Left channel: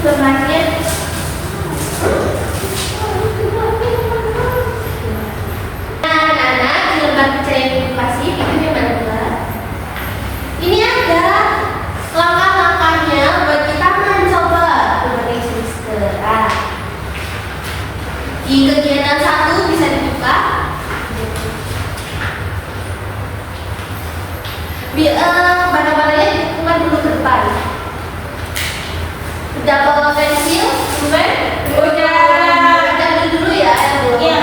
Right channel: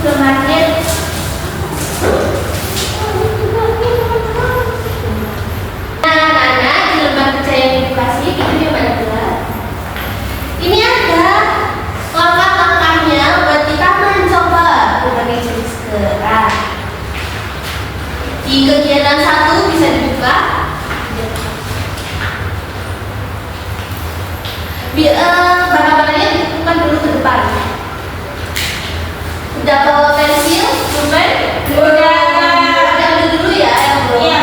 lembarnya. Nah, di lembar percaya edukasi itu gimana tuh? Ini ada langkah-langkahnya buat kita mencoba berbagai jenis gerak. Di kegiatan 1 bisa dibuka. Barang-barangnya dibuka dulu ke depan. Udah bawa pensil, pulpen? Udah. Ambil dulu ya yang belum. Iya.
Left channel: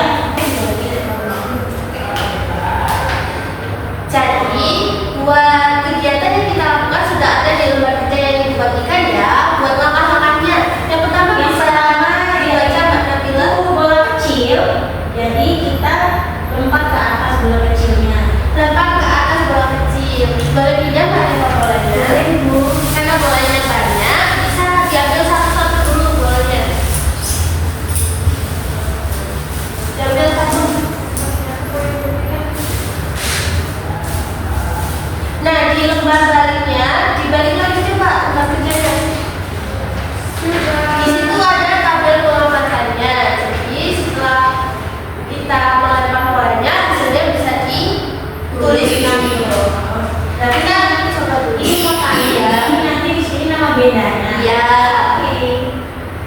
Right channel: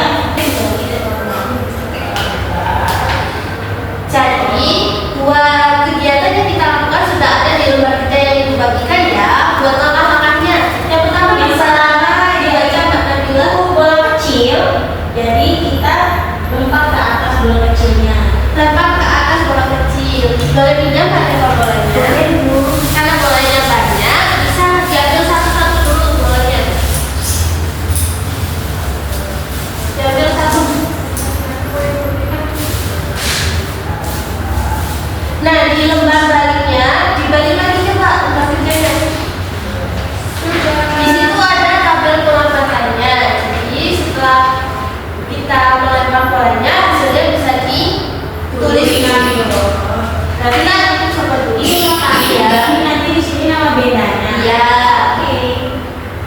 Jadi buat kegiatan yang kita lakukan sudah ada di lembar kita yang dibagikan ya. Buat langkah-langkahnya. Yang pertama bisa dibaca Mbak Nabila. Bola kecil, jadi kita lompat ke atas bola kecilnya. Lempar ke atas bola kecil. Boleh pinjam nggak nih Pak bolanya? Boleh, Bu. Karena bolanya banyak, bisa diambil satu-satu dulu bolanya. Diambil satu. Nah, di lembar baliknya, dibalik lagi coba lembar kerjanya. Di situ ada tabel pengamatannya. Jadi setelah kita melempar bolanya, hasilnya bisa ditulis. Nah, kita coba dulu. Ya, nanti di sini nama bedanya. Iya. Oke.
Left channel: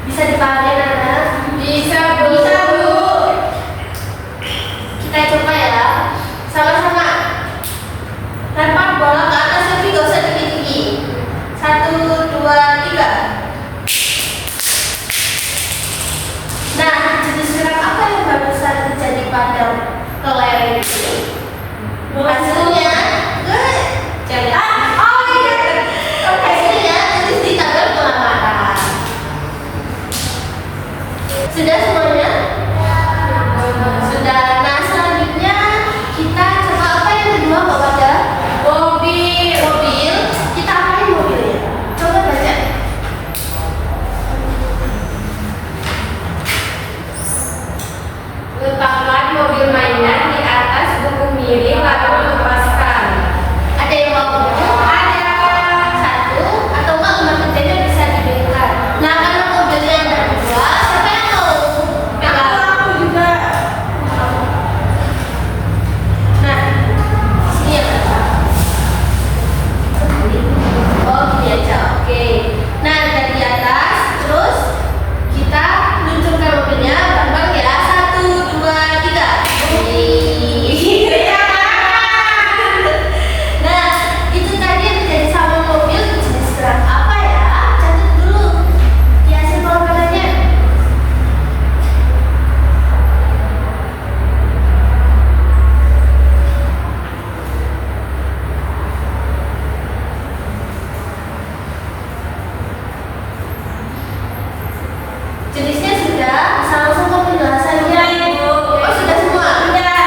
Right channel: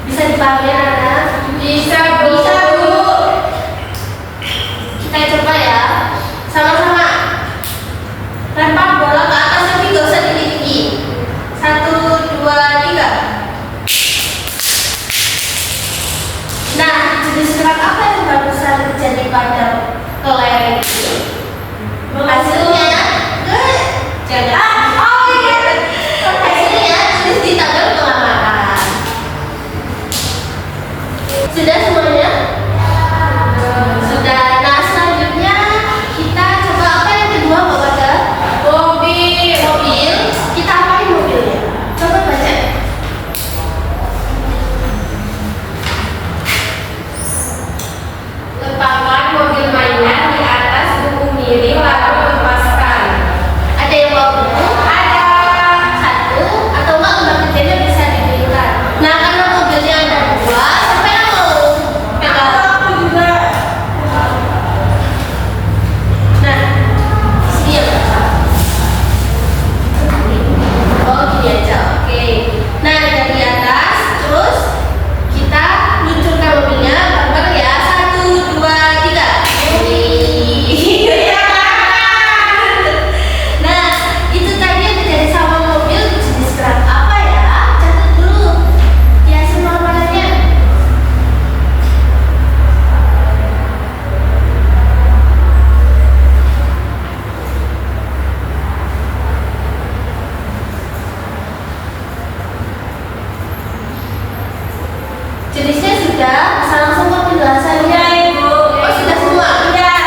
Bisa dipahami anak? Bisa, Bu. Bisa, Bu. Kita coba ya. Sama-sama. Lempar bola ke atas tapi nggak usah tinggi-tinggi. 1, 2, 3. Nah, jenis gerak apa yang barusan terjadi pada kelereng ini? Hasilnya jangan. Oh iya. Hasilnya tulis di tabel pengamatan. Sudah semuanya? Sudah. Nah, selanjutnya kita coba apa yang kedua Mbak Wada? Mobil. Kita apain mobilnya? Coba baca. Letakkan mobil mainan di atas buku miring lalu lepaskan. Ada yang mau buku? Ada. Satu atau enggak lembar kerjanya bisa diberikan. Nah, karena mobilnya ada 2, siapa yang mau pegang? Aku juga. Nah, di sini ya Mbak. Oh, gini aja. Oke. Nah, dari atas terus kita luncurkan mobilnya bareng-bareng ya. 1, 2, 3. Nah, itu tadi yang terjadi sama mobil jenis gerak apa ya? Catat dulu. Ya, semua warnanya. Jenisnya sudah, bisa langsung ke penjelasannya. Ibu. Oh, sudah semua? Iya.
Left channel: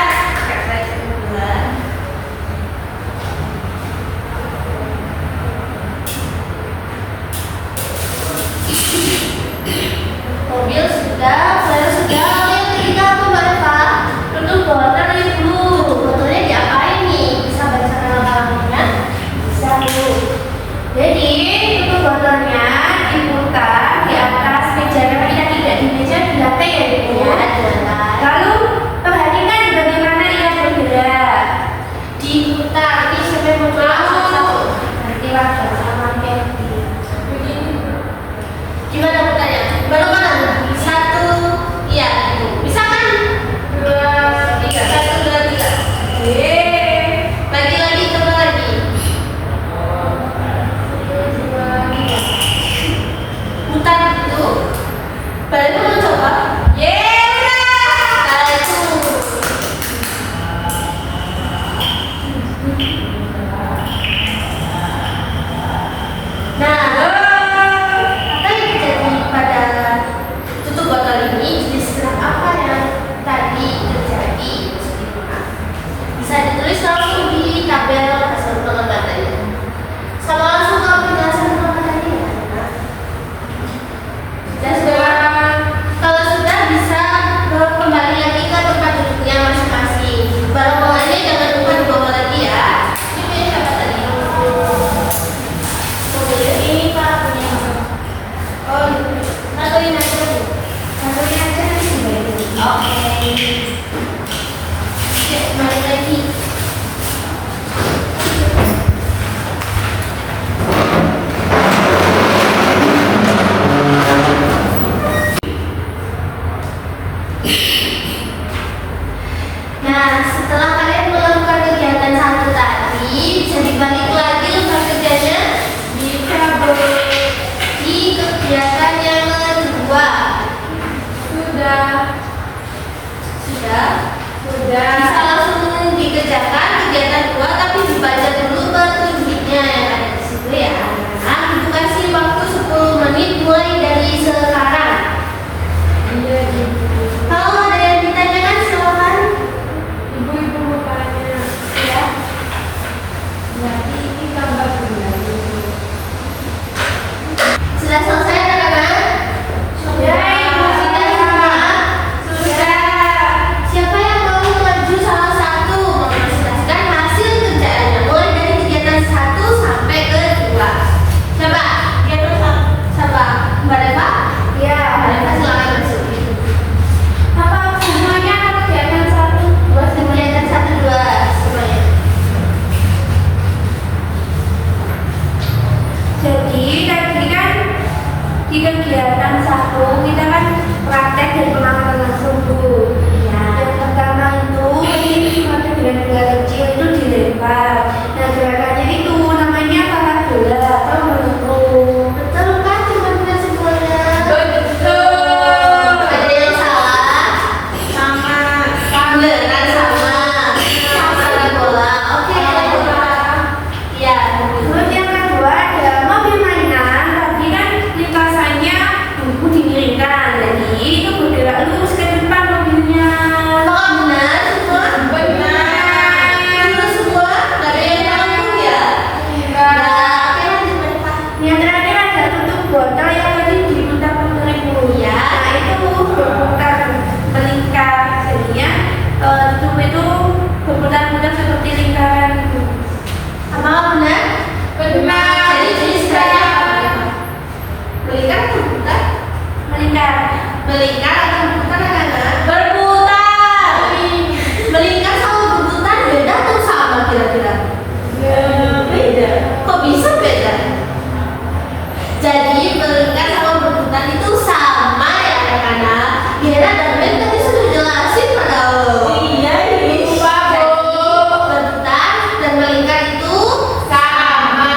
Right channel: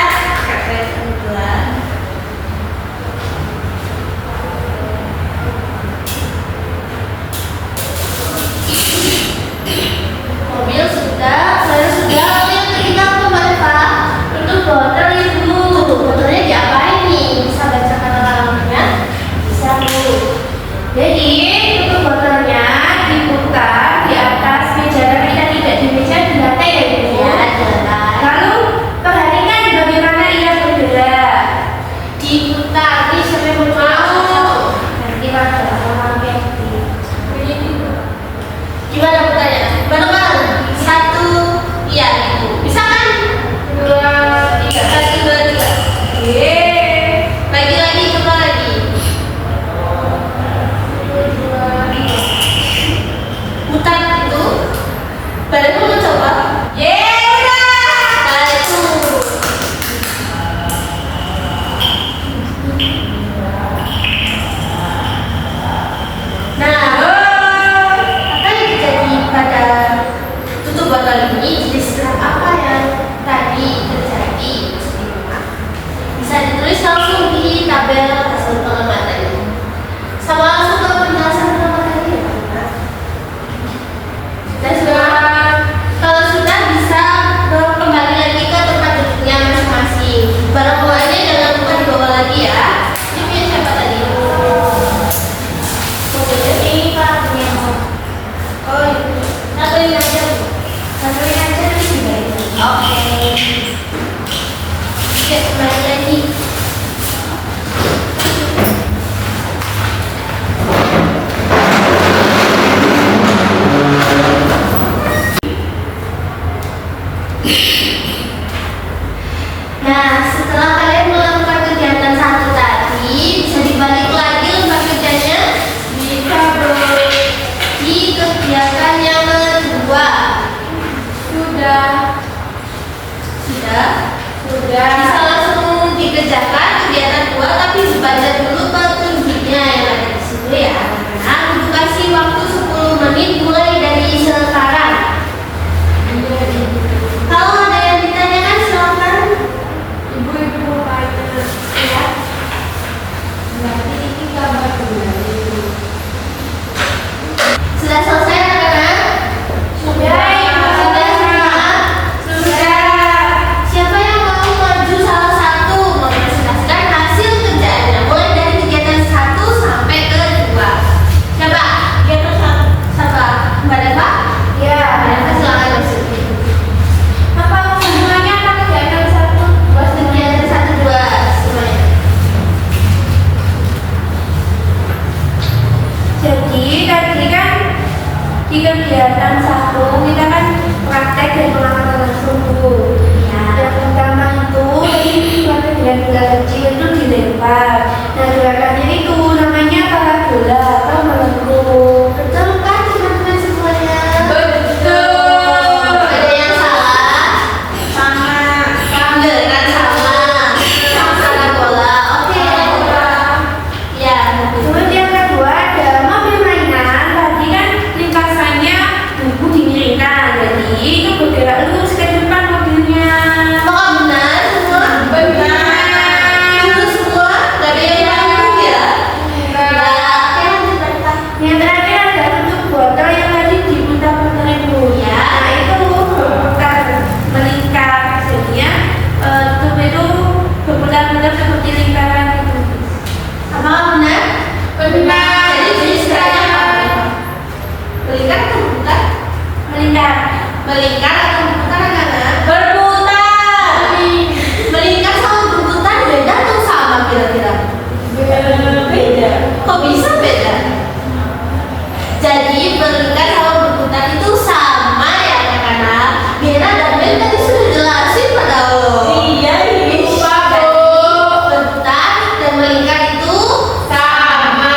Mobil sudah, saya sudah. Lalu yang ketiga apa Mbak Eva? Tutup botol Ibu. Tutup botolnya diapain nih? Bisa bacakan langkah-langkahnya? Bisa, Bu. Jadi, tutup botolnya diputar di atas meja. Karena kita tidak di meja, di lantai ya Ibu? Ya, di lantai. Lalu, perhatikan bagaimana ia bergerak. Diputar. Ini siapa yang mau coba? Satu. Nanti wajar sama Kevin. Gimana putarnya? Bareng-bareng. 1, iya Ibu. Bisa kan? 2, 3. 1, 2, 3. Lagi-lagi, coba lagi. 2, 3. Putar itu. Badanmu mau coba? Nah, itu. Nah, apa yang terjadi pada tutup botol ini? Jenis gerak apa yang tadi terjadi? Bisa ditulis langsung di tabel hasil pengamatannya. Sama langsung ke penjelasan pengamatannya ya. Dan sudah, kalau sudah bisa kembali lagi ke tempat duduknya masing-masing. Barang bawaannya jangan lupa dibawa lagi ya. Ini punya siapa tadi? Mobilnya ini Pak punya. Oh, iya. Satuin aja tuh. Satuin aja nanti dibalik lagi. Oke. Oke, balik lagi. Nah, setelah kalian melakukan kegiatan satu tadi, bisa dibalik lagi lembar kerjanya. Bisa di kegiatan yang kedua. Sudah. Sudah? Sudah. Bisa langsung dikerjakan kegiatan kedua, tapi dibaca dulu petunjuknya yang ada di situ ya. Nah, Ibu kasih waktu 10 menit mulai dari sekarang. Iya, Ibu. Kalau ada yang ditanyakan silakan. Ibu mau tanya. Ya. Berarti ini gambar bulan Ibu. Sudah selesai anak-anak? Sudah, Ibu. Sudah semua? Sudah. Siapa yang mau maju salah satu mempresentasikan hasil kerjaannya mulai dari kegiatan 1 sampai ke 2? Coba. Kegiatan satu. Siapa? Mbak Deva? Ya. Mbak Deva silakan masuk. Apa semuanya apa kegiatan satu? Buat kegiatan 1, 2 semuanya. Jadi tadi kan di kegiatan satu kita kan praktek dan pengamatan langsung tuh. Ya. Yang pertama itu ini praktek dengan bola kecil itu dilempar. Nah gerakannya itu namanya pakai bola atau melengkung. Betul kan teman-teman semuanya? Betul. Ada yang salah? Sama. Beneran sama. Sama bola. Oke. Ya. Terus yang kedua ada mobil mainan. Tadi kan lintasannya buku dimiringkan, jadi itu bergerak lurus ke depan mobilnya. Apakah benar semua? Benar. Itu semua? Gak ada yang rampung ya? Ya. Oke, lanjut Mbak Deva. Yang terakhir ada tutup botol yang tadi diputar-putar ibu. Ya. Nah itu berputar melingkar, jadinya tutup itu berputar-putar seperti lingkaran itu. Apakah benar? Benar. Jadi jenisnya melingkar atau berputar? Melingkar. Melingkar atau berputar anak-anak? Berputar. Melingkar sama berputar beda atau sama kira-kira? Beda. Kok bisa beda? Jadi melingkar sama berputar itu sama ya anak-anak. Mira dan Ben tadi sudah jelasin pada lo. Iya, Ibu. Jadi berputar dan melingkar itu Sama.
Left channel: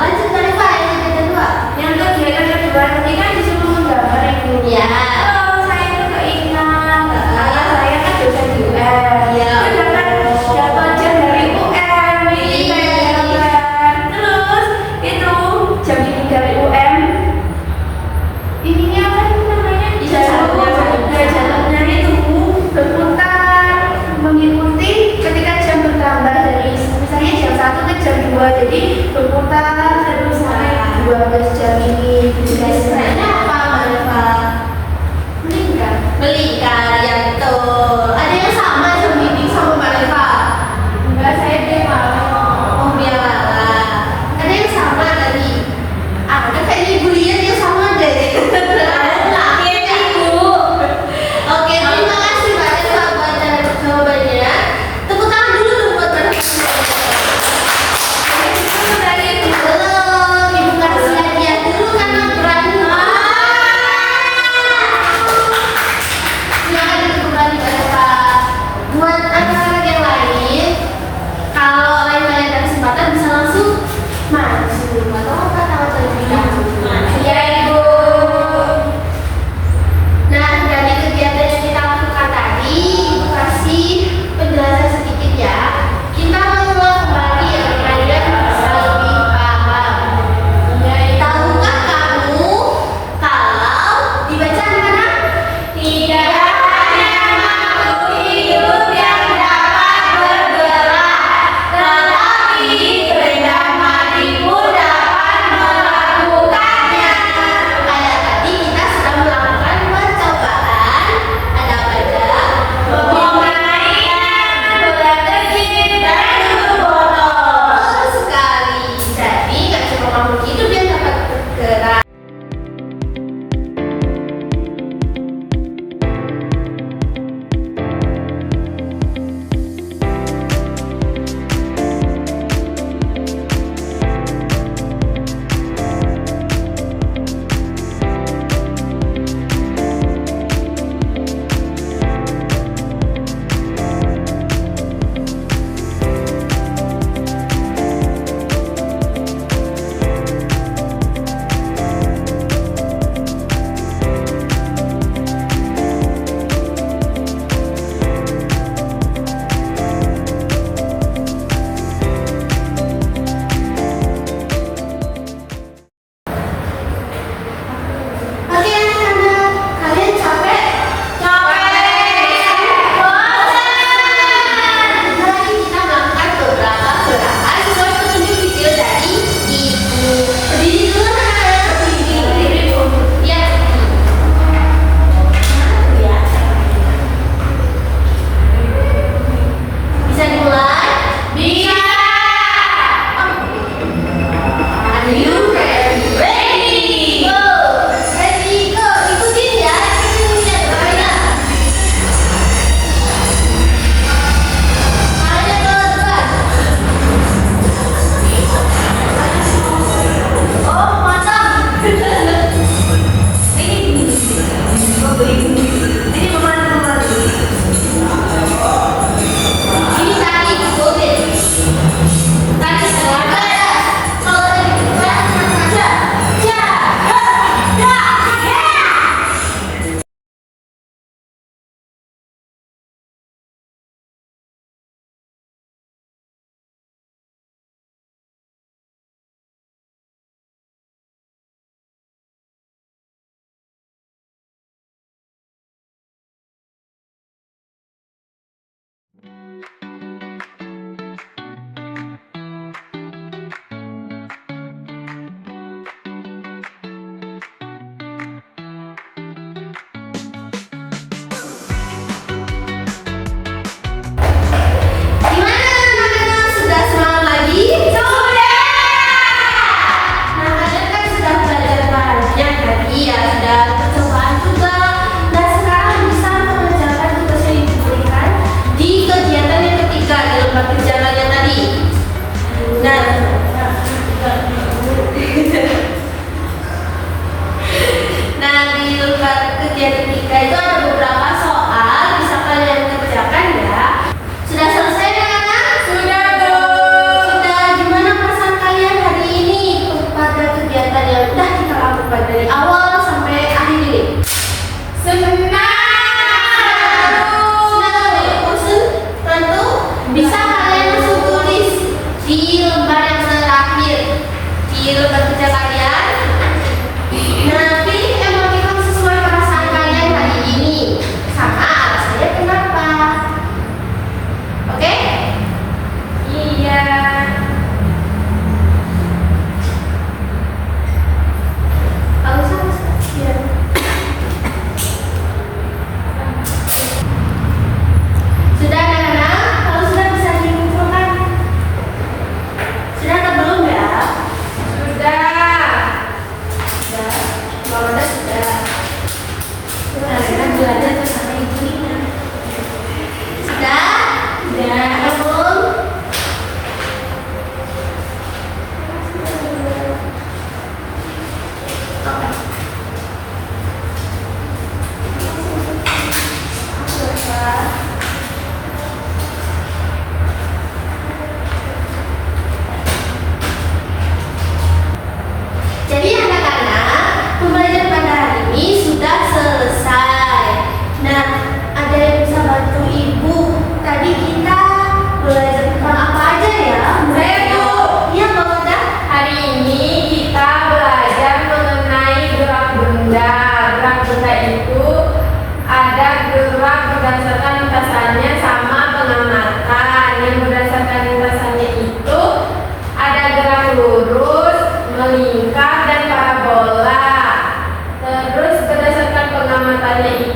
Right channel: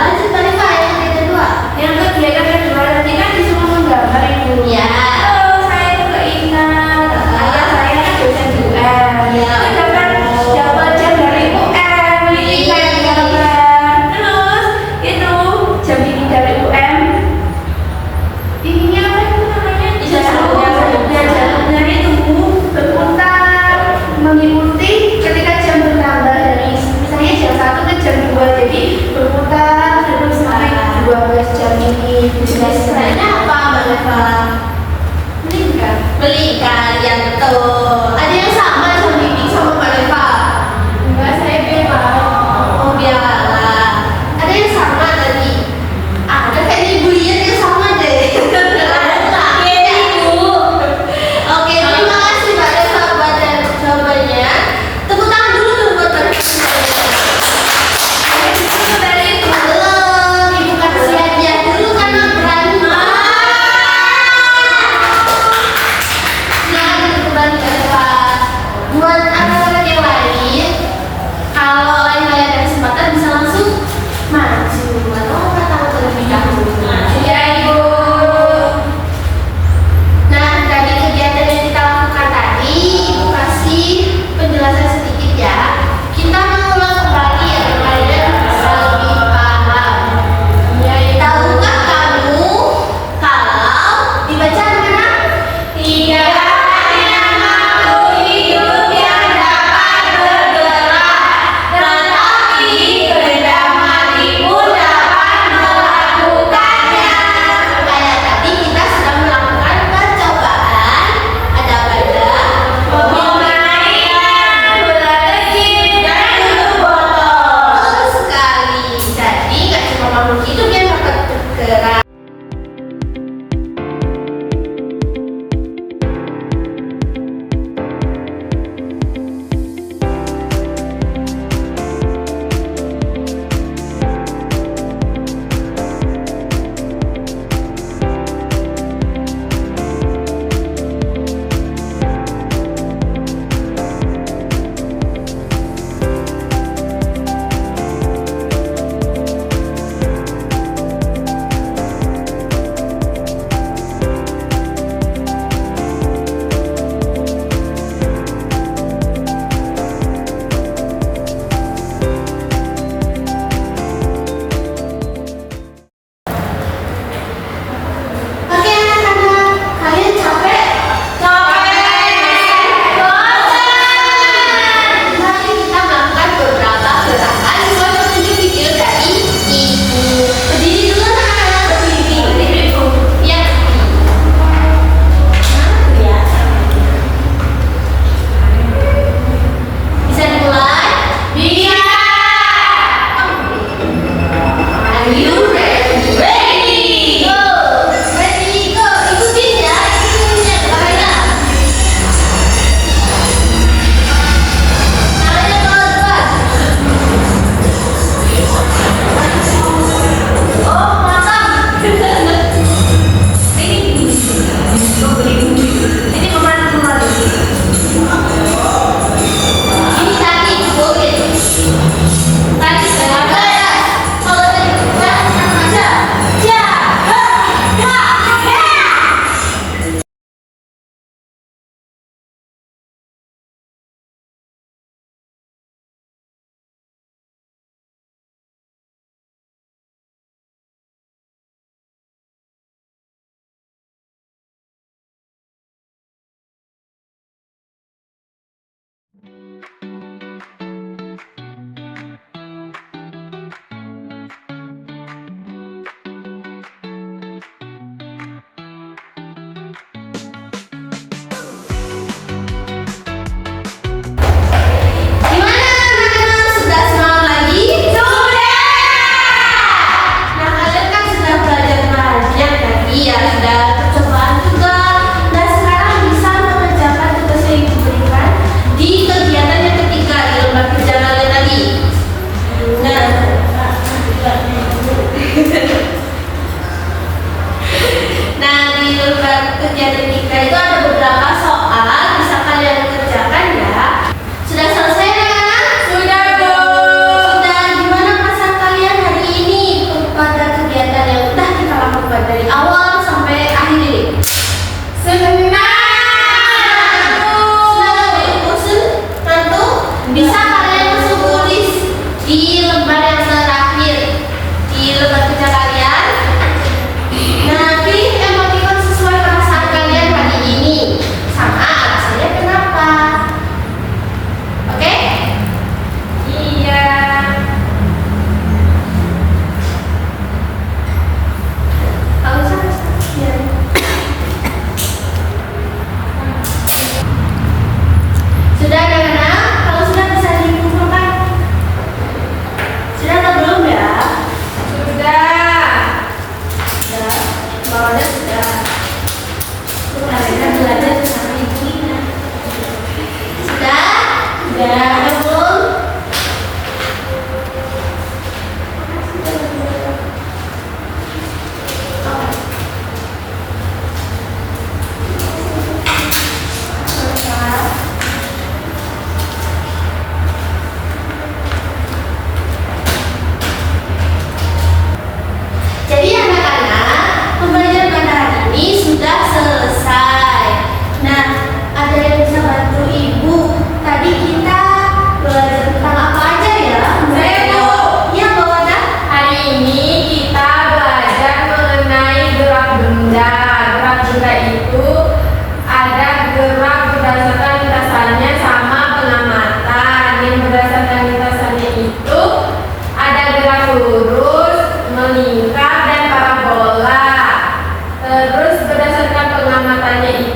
Lanjut Mbak Deva yang kedua. Yang kegiatan kedua tadi kan disuruh menggambar ibu. Ya. Gimana anak-anak, sudah semangat lagi? Sudah! Nah, kalian kan sudah belajar banyak tadi ya, sudah percobaan juga. Dan sekarang bisa mengerjakan tugas yang ibu berikan di kegiatan yang ketiga di lembar kerja kalian tadi. Nah, nah di lembar kegiatan ketiga itu ada beberapa soal bisa kalian kerjakan ya. Sudah selesai anak-anak? Sudah, Bu. Sudah, gimana perasaan kalian hari ini pada kegiatan yang udah kita lakukan dari awal sampai akhir ini? Senang. Senang, bosan? Tentu bisa kalian langsung tulis di lembar yang terakhir di lembar kerja kalian. Nanti emoticon sesuai perasaan kalian hari ini sama alasannya kenapa. Oke? Iya. Kalau sama biar sudah anak-anak, kalau sudah bisa dikumpulkan. Sudah atau belum ya? Sudah. Sudah. Kalau sudah. Nah, kita belajar bersama Ibu Lina. Sudah? Sudah. Ada belum? Oke. Jadi anak-anak, pembelajaran pada hari ini sudah selesai. Nah, ada yang bisa bantu ibu? Tadi kita belajar tentang apa aja ya? Saya, Bu. Iya, Mbak Wanda. Hari ini kita belajar mengenai gerak benda. Gerak benda itu ada gerak berdasarkan lintasannya sama pengamatan. Yang berdasarkan lintasannya itu ada gerak lurus, melingkar, dan parabola. Terus berdasarkan pengamatannya itu